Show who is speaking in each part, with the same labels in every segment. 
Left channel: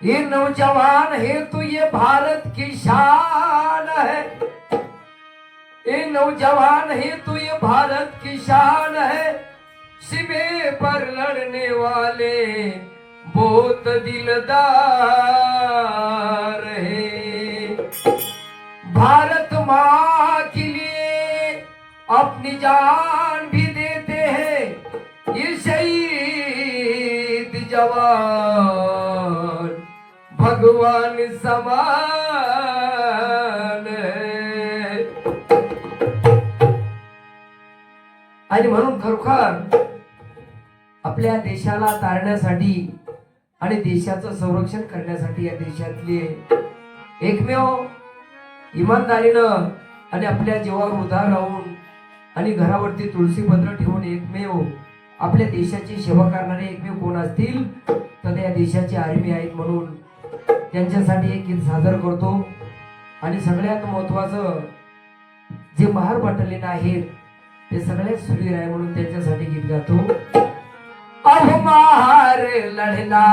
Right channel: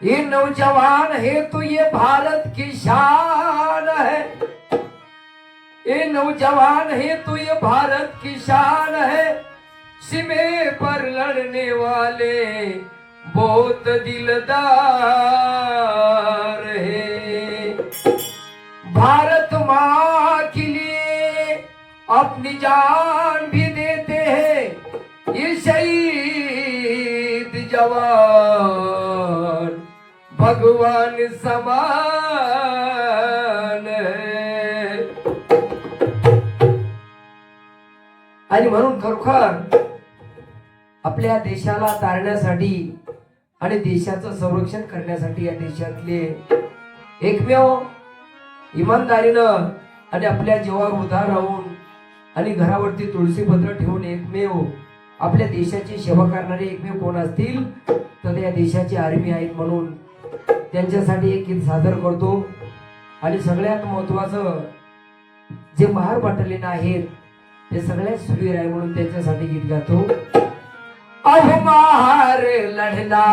Speaker 1: ये नौजवान है तो ये भारत की शान है ये नौजवान है तो ये भारत की शान है सिमे पर लड़ने वाले बहुत दिलदार है अपनी जान भी देते हैं। ये शहीद जवान भगवान समान आणि म्हणून खरोखर आपल्या देशाला तारण्यासाठी आणि देशाचं संरक्षण करण्यासाठी या देशातले एकमेव इमानदारीनं आणि आपल्या जीवावर उधार राहून आणि घरावरती तुळशीपत्र ठेवून एकमेव आपल्या देशाची सेवा करणारे एकमेव कोण असतील तर त्या देशाचे आर्मी आहेत म्हणून त्यांच्यासाठी एक गीत सादर करतो. आणि सगळ्यात महत्वाचं जे महार बटालियन आहेत ते सगळ्यात सुरवीर आहे म्हणून त्यांच्यासाठी गीत गातो. अहो महार लढला.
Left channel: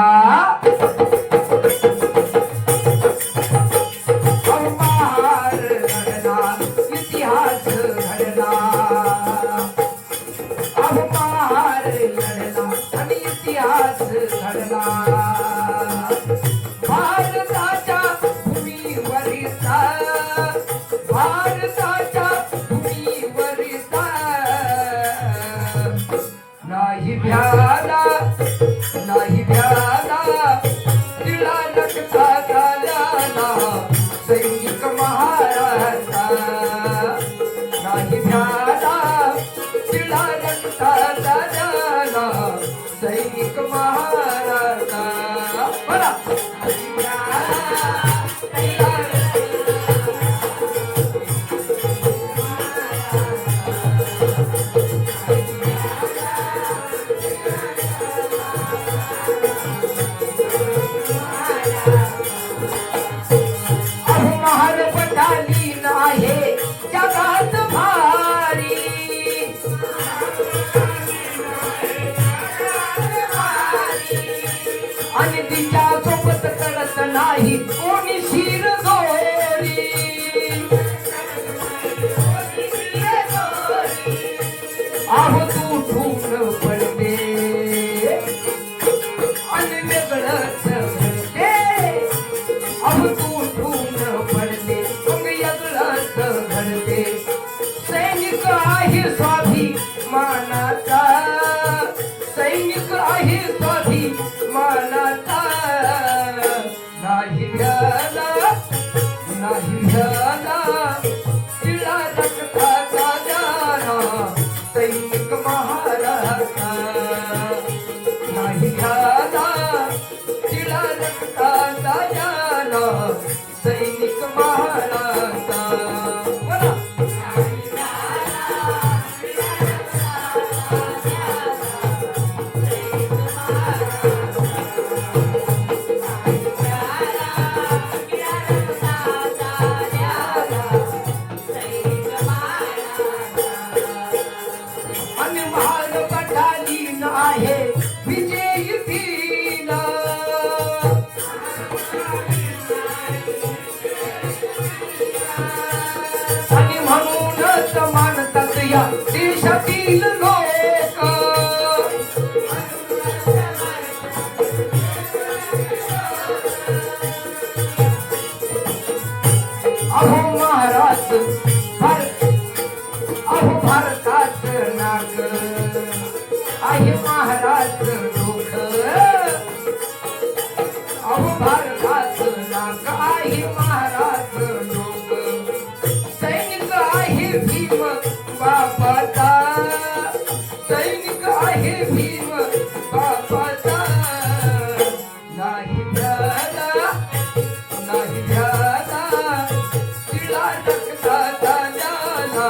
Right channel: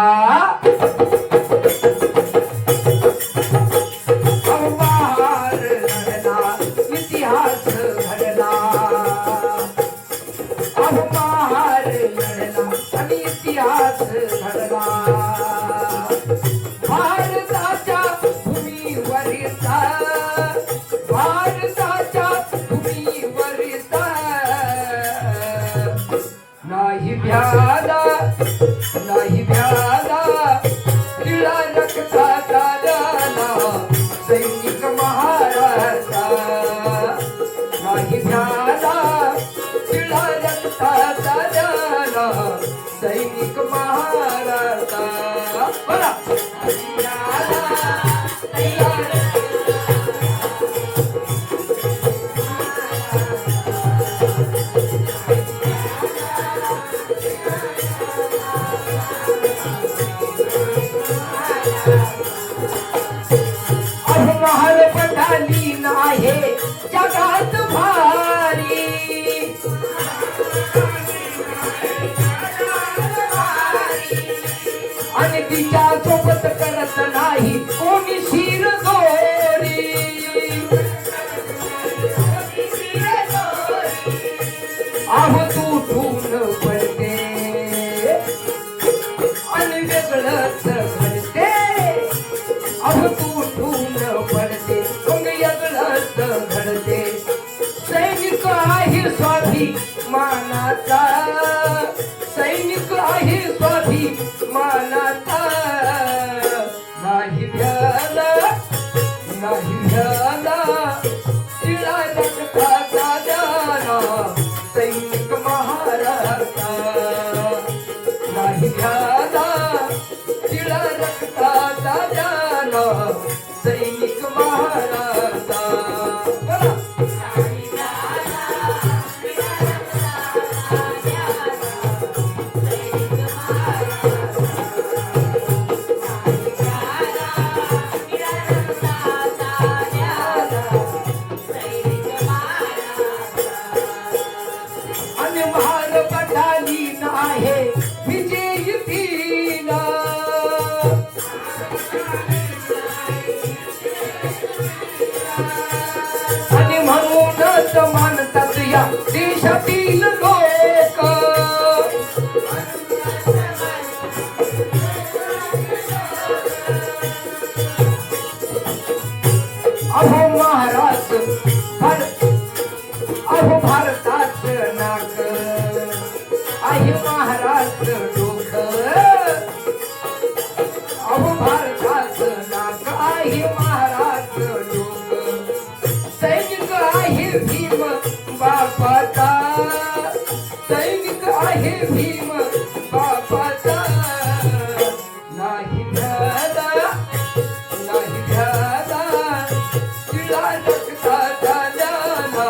Speaker 1: बरा नाही आणि तिच्या सोबत करत नाही. कोणी शिर दोरी अहो तू ठून पडते. आणि वेगळंच म्हणते. अहो तू ठून पडते. तुम्ही वेगळंच म्हणते. सैनिक आहे स्वाधी मानाचा. सैनिक आहे स्वाधी आणि महार म्हणूनच मानतात या देशातील लोक. बापाचा. सैनिक आहे भीम बापाचा. नाही भ्याला नाही भ्याला तिला डगता झाल्याला